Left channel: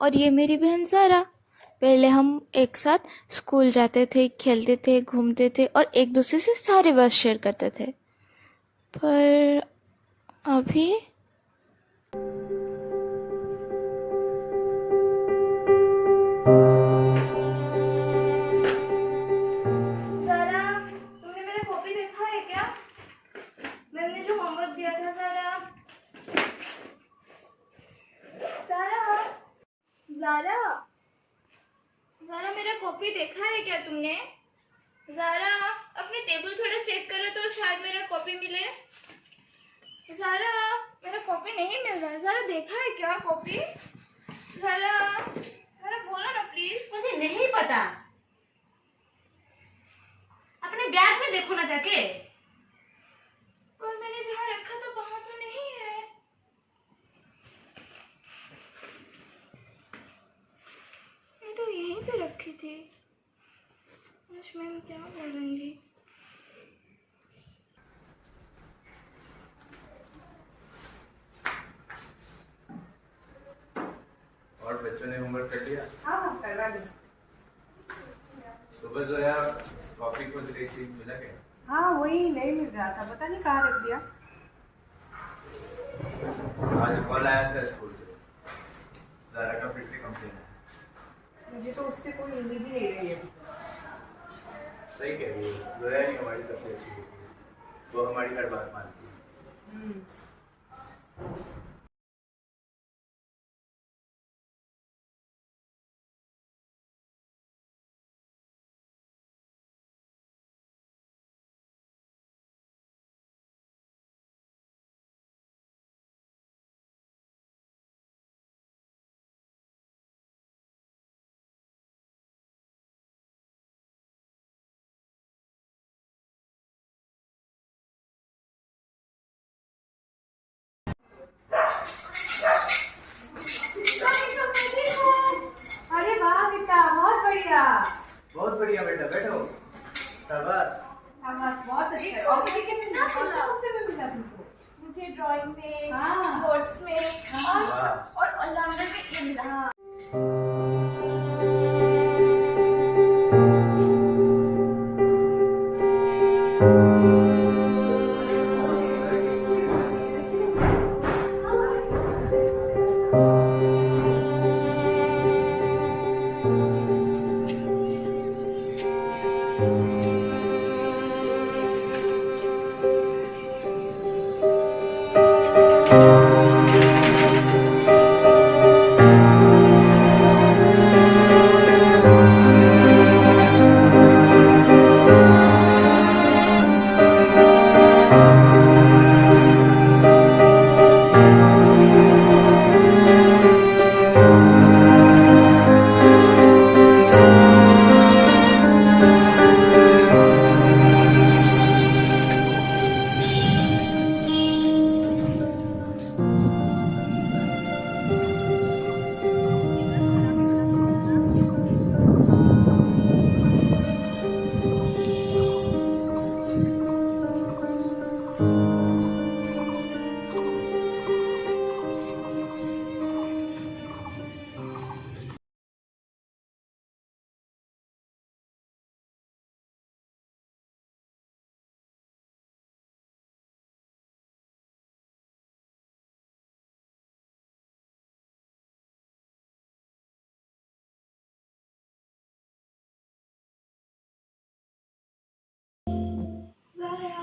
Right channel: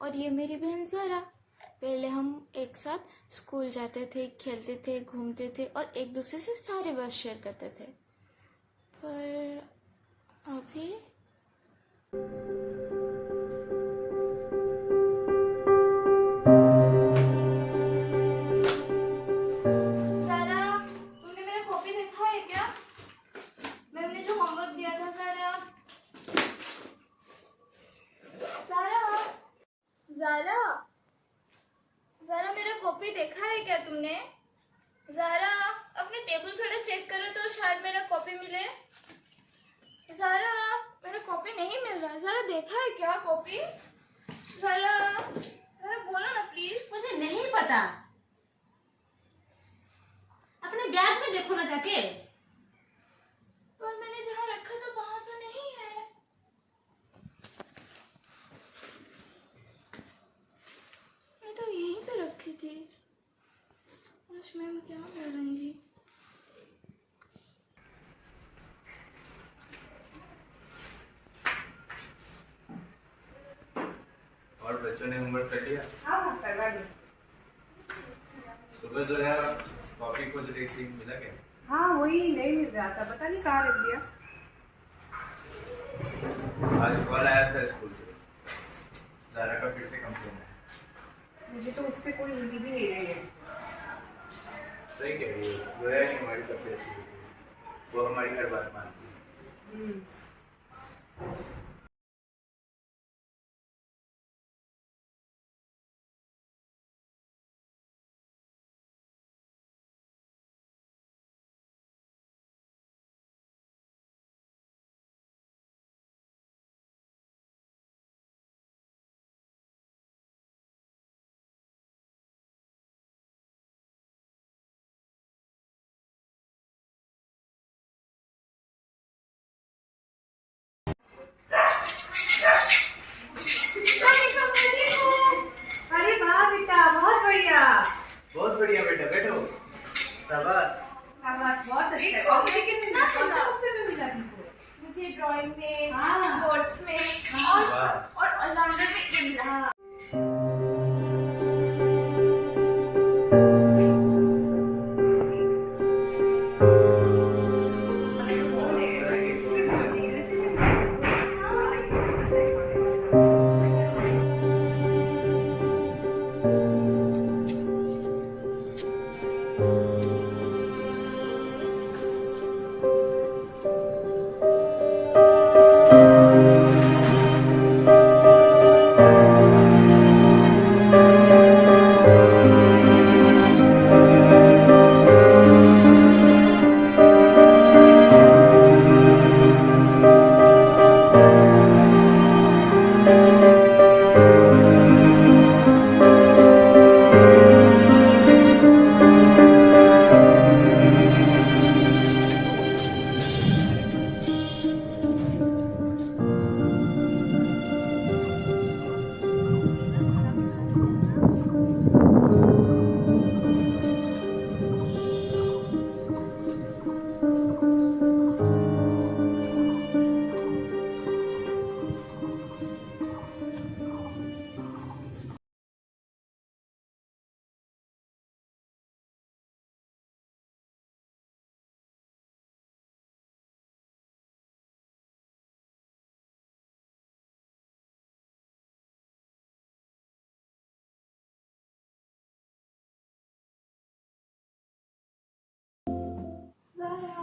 और ये मेरी बहन ज़ारा। पहले हम एक साथ स्कूल जाते थे, खेलते थे, घूमते थे और एक दूसरे से सारी बात शेयर करते थे। पर अभी ज़ारा, तुमने मेरा कॉपी देखा है क्या? मैम ने जो होमवर्क दिया था। ज़ारा, ज़ारा, ज़ारा, ज़ारा, मेरा कॉपी देखा है क्या तुमने? ज़ारा, अपने टेबल थोड़ा चेक करो तो शायद मेरा कॉपी मिले। ज़ारा, मेरा कॉपी नहीं मिल रहा है। ज़ारा, देखा है क्या कॉपी? ज़ारा, ज़ारा बोलो ना प्लीज। मुझे नहीं पता, अपने बैग में देखो ना जाके। पर मैंने जहाँ रखा था वहां तो नहीं है। मैं तो यहीं पे रखी थी। आज मैम क्या बोलेंगी? और बच्चों ने होमवर्क कर लिया? हाँ, करवा दी। सुबह जो यार कॉपी खोज रही थी, मिला क्या? हाँ, वही नहीं मिल रहा था, पता नहीं कहाँ रख दिया। आज कॉल आया था स्कूल से, ज़ारा का फिर से कंप्लेन है। मुझे तो उससे कोई उम्मीद ही नहीं रही है। सही कह रही है, जो है नहीं हमारी सबसे अच्छी बेटी है। वो हमारी हर बात मानती है। अरे वाह बेटा, बहुत बढ़िया। बहुत बढ़िया बेटा, बैठो। शाबाश। शाबाश, बहुत अच्छा है। और ये कितना कौन से में मिला तुमको? मुझे ड्राइंग में, हाँ। स्पोर्ट्स में वाह। और ऑलराउंडर में ये मिला।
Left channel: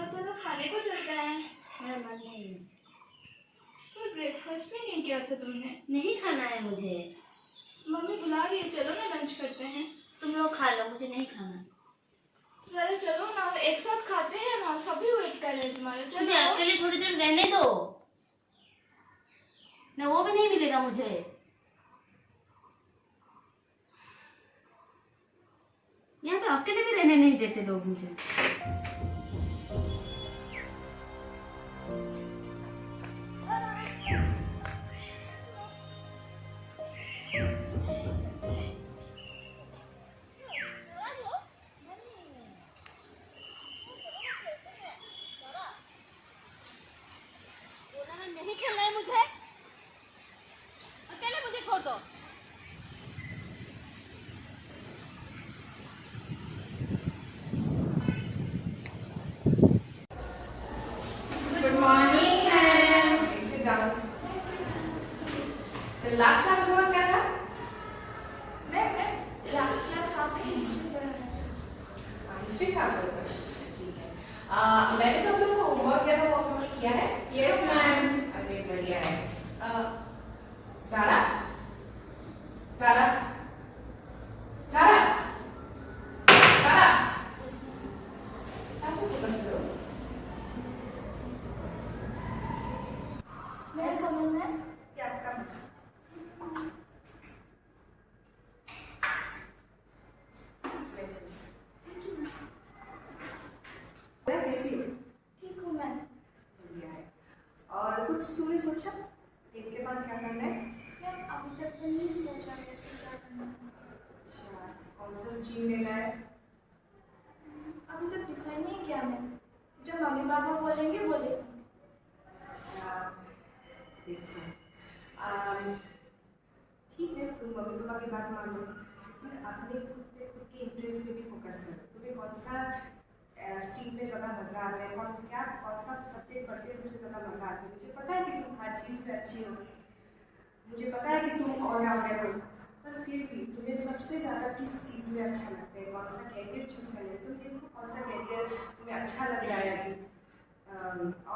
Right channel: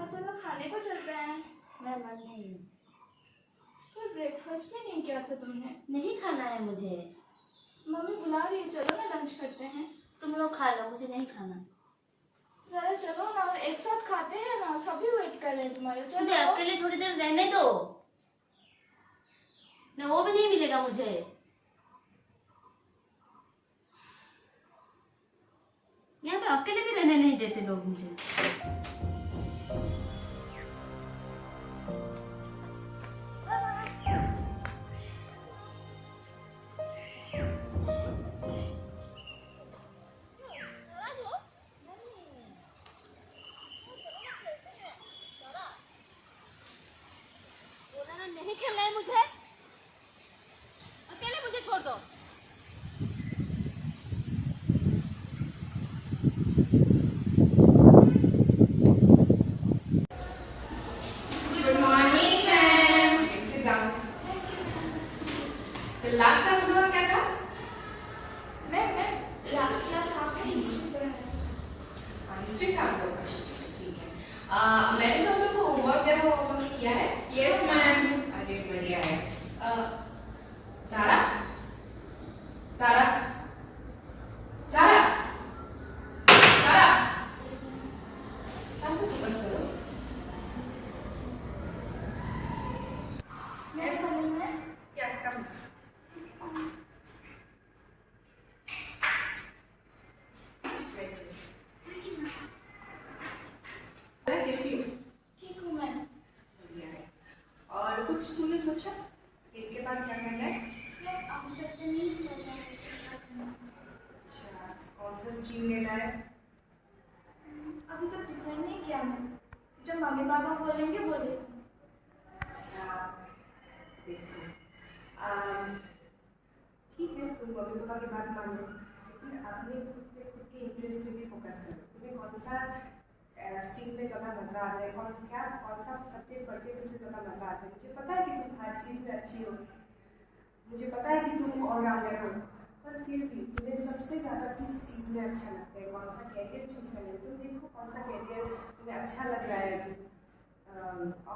चलो खाने को चलते हैं। मेरा मन नहीं। कोई ब्रेकफास्ट भी नहीं किया था तुमने? नहीं खाना है मुझे। मम्मी बुला रही है, चलो ना लंच करते हैं। तुम लोग खा लो, मुझे नहीं खाना। जरा चलो ना, एक साथ खाते हैं ना, सभी वेट कर रहे हैं तुम्हारे। मुझे चलो अकेले थोड़ी देर रहने दो ना, वो भी नहीं मिलेगा मुझे। यहाँ पे अकेले भी रहने नहीं देते लोग मुझे। नहीं खेलना है मुझे, अकेले मुझे छोड़ दो। स्ट्रिक्ट आप लोग? ठीक है। मैंने जो आप लोग को होमवर्क दिया था वो आप लोग ने किया है? Yes ma'am. अरे बढ़िया है। ज़ारा ज़ारा ज़ारा ज़ारा क्लास में फोकस करो। मैं समझ में क्या कम कैसी हो? ठीक हूँ मैम। बढ़िया है। और कुछ तूने सोचा इनके बाद क्या करना है? मैम अभी तक तो नहीं सोचा है कि क्या करना है। अच्छा, कौन सा स्ट्रीम लेना है? अभी तक डिसाइड नहीं किया मैंने, जो मम्मी पापा बोलेंगे बोले। अच्छा, देखो ठीक है, तुम मम्मी पापा की बात मानो, लेकिन अपने खुद के इंटरेस्ट पे भी फोकस करो। तुम्हें कौन सा स्ट्रीम में ज़्यादा मज़ा आता है, कौन सा सब्जेक्ट पढ़ के सबसे ज़्यादा मज़ा आता है? मुझे पता है कि तुम हर चीज़ में अच्छी हो, मुझे पता है कि तुम ऑलराउंडर हो, पर फिर भी तुम्हें सबसे ज़्यादा किस चीज़ में अच्छा लगता है, कौन सा कैरियर चूज़ करना है? तुम देखो कौन सा कैरियर तुम्हें अच्छा लग रहा है अभी,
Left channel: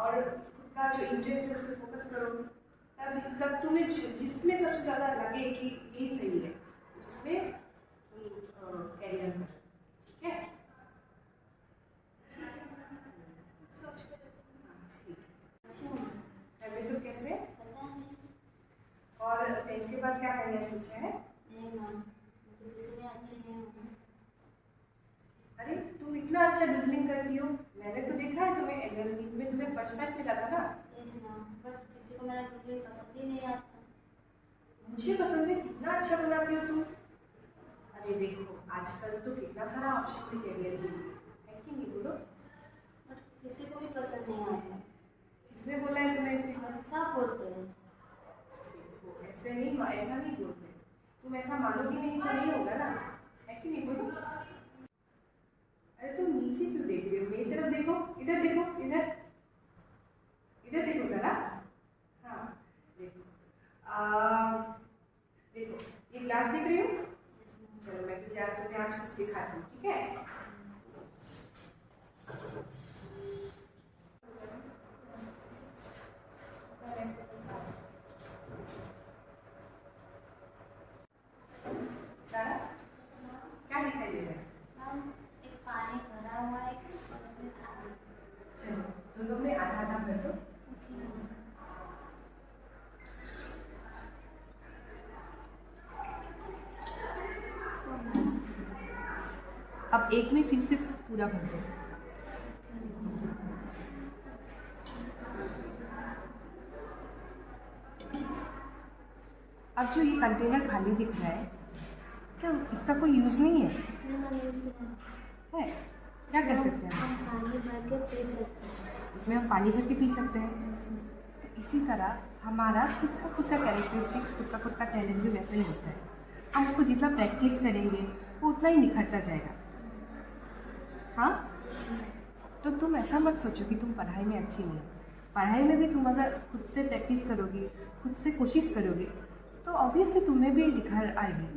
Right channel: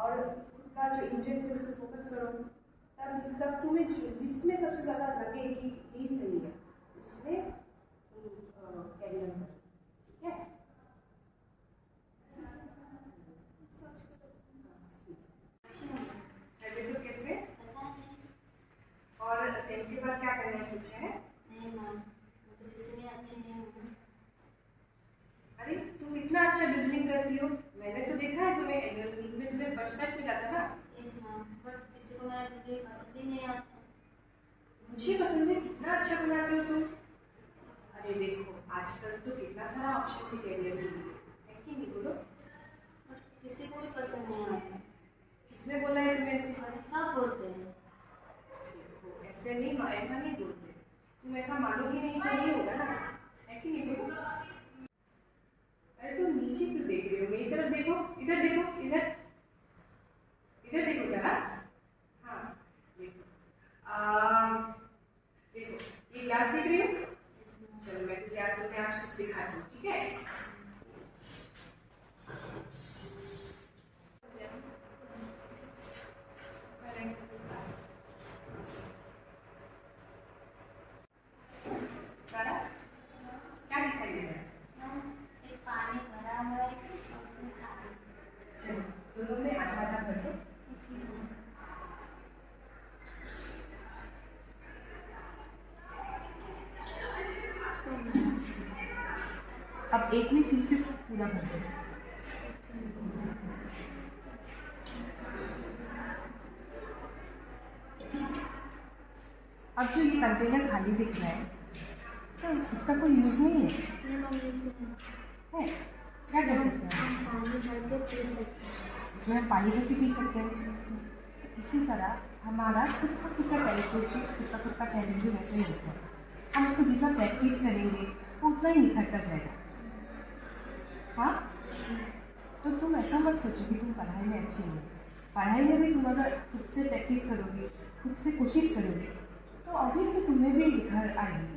और खुद का जो इंटरेस्ट है उस पर फोकस करो। तब तुम्हें जिसमें सबसे ज़्यादा लगे कि यही सही है, उसमें तुम कैरियर करो। ठीक है? सोच कर घर में सब कैसे? और 10th के बाद क्या करना है सोचा है? नहीं मैम, मुझे किसी में अच्छी नहीं हूँ। अरे तुम इतना अच्छा डुडलिंग करती हो, मैंने तो देखा है तुम्हें एनुअल मीट में तुम्हें फर्स्ट प्राइज मिला था ना। यस मैम, बट किसी को मेरा डुडलिंग पसंद ही नहीं आता। मुझे पसंद है, कितना अच्छा बनाते हो तुम। अरे देखो आजकल तो कितना सारा ऑप्शन है कैरियर के लिए, है कि नहीं बोलो? बट किसी को भी पसंद नहीं आता। किसने बोला है तुम्हें ऐसे? और सब बोलते हैं। देखो ऐसा नहीं बोलते, तुम ऐसा मानोगी नहीं तो नहीं होगा ना, है कि नहीं बोलो? अरे तुम नीचे क्यों देख रहे हो? मेरी तरफ देखो, इधर देखो, इधर इधर देखो जरा। हाँ देखो, देखो ये ग्लास देख रही हो? चलो मैं तुम्हें आज कुछ दिखाती हूँ, ठीक है? सारा क्या दिखाई दे रहा है? मैम एक पानी भरा हुआ है और उसमें खाली। चलो दोनों में आधा आधा भर दो। अब एक में फिर से पूरा भर दो। अब जो ये कंटेनर खाली दिख रहा है, क्या इसका कोई यूज़ नहीं है? नहीं मम्मी से है? क्या कर सकते हैं हम पानी भर के पी सकते हैं। इसमें? हम पानी भर के पी सकते हैं। तो इसी तरह हमारा खुद का कैरेक्टरिस्टिक्स, खुद का टैलेंट भी वैसा ही होता है। हम उसको जितना प्रैक्टिस करेंगे वो उतना ही निखरता जाएगा। हाँ, तो तुम ऐसा मत सोचो कि तुम पढ़ाई में अच्छी नहीं हो। पढ़ाई में भी तुम अगर खुद से प्रैक्टिस करोगी, खुद से कोशिश करोगी, तो ऑब्वियसली तुम्हें भी निखर आएगी,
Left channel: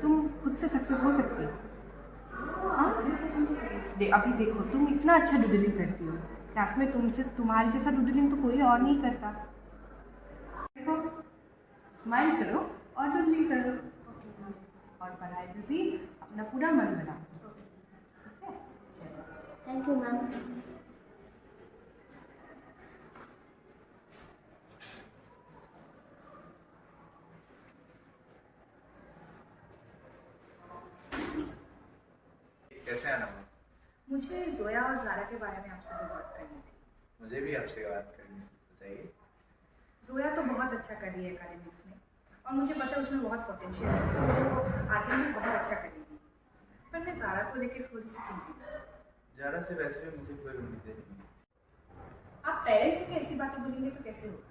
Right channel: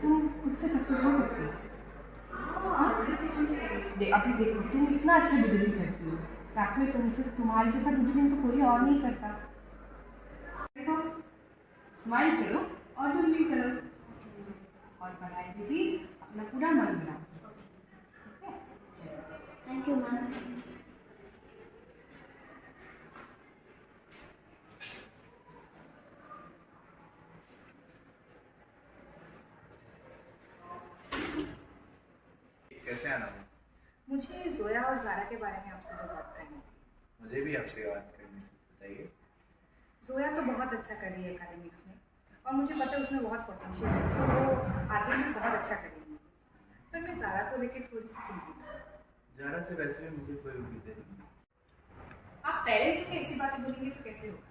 तुम खुद से सक्सेस हो सकती हो। हाँ, अभी देखो तुम इतना अच्छा डुडलिंग करती हो, क्लास में तुम्हारे जैसा डुडलिंग तो कोई और नहीं करता। देखो, स्माइल करो और डुडलिंग करो, और पढ़ाई में भी अपना पूरा मन लगाओ। ठीक है? चलो, थैंक यू मैम। कैसे आना हुआ? मुझे जोया और ज़ारा के बारे में आपसे बात करनी थी। मुझे भी आपसे बात करनी थी, बताइए। जोया तो बहुत अच्छा कर रही है एकेडमिक्स में, और मुझे पता है उसमें बहुत पोटेंशियल है, तो वो आगे भी बहुत अच्छा करेगी। पर मैं ज़ारा को लेकर थोड़ी सी चिंतित हूँ। ज़ारा से वैसे भी मुझे कोई उम्मीद नहीं। आप पेरेंट्स को ऐसी बातें बोलेंगे तो कैसे होगा?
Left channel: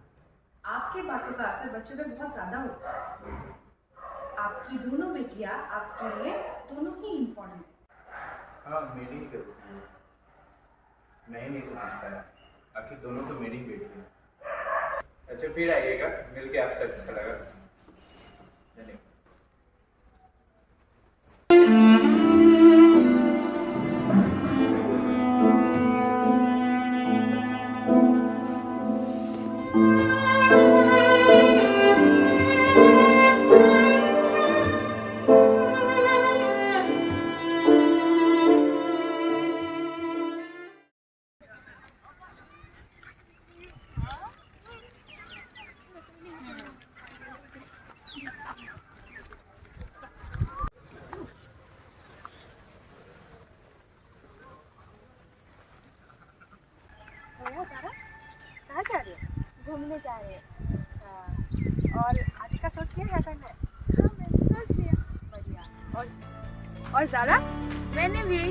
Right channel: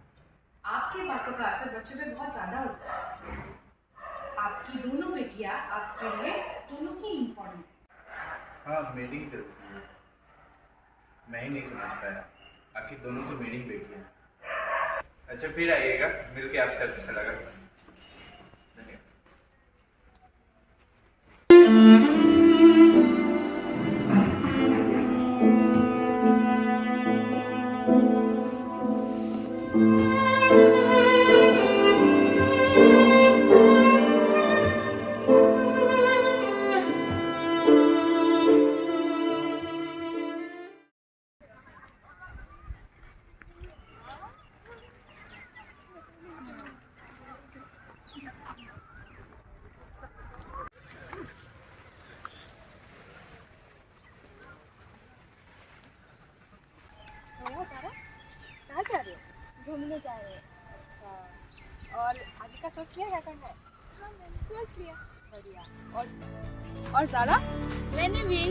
आपकी बातों का असर बच्चों पे बहुत ज़्यादा होता है। आपकी दोनों बेटियाँ आपके लिए दोनों ही इम्पोर्टेंट है। हाँ, मेरी गलती है, मैं ही नहीं समझ पाया। आखिर दोनों तो मेरी बेटी हैं। अच्छा फिर आइएगा, मिलके आपसे अच्छा लगा। धन्यवाद। घूमने जा रहे हैं। अच्छा, और आगे का सोच लिया क्या करना है? हाँ मैंने सोच लिया। बढ़िया। और ज़ारा? मैंने भी।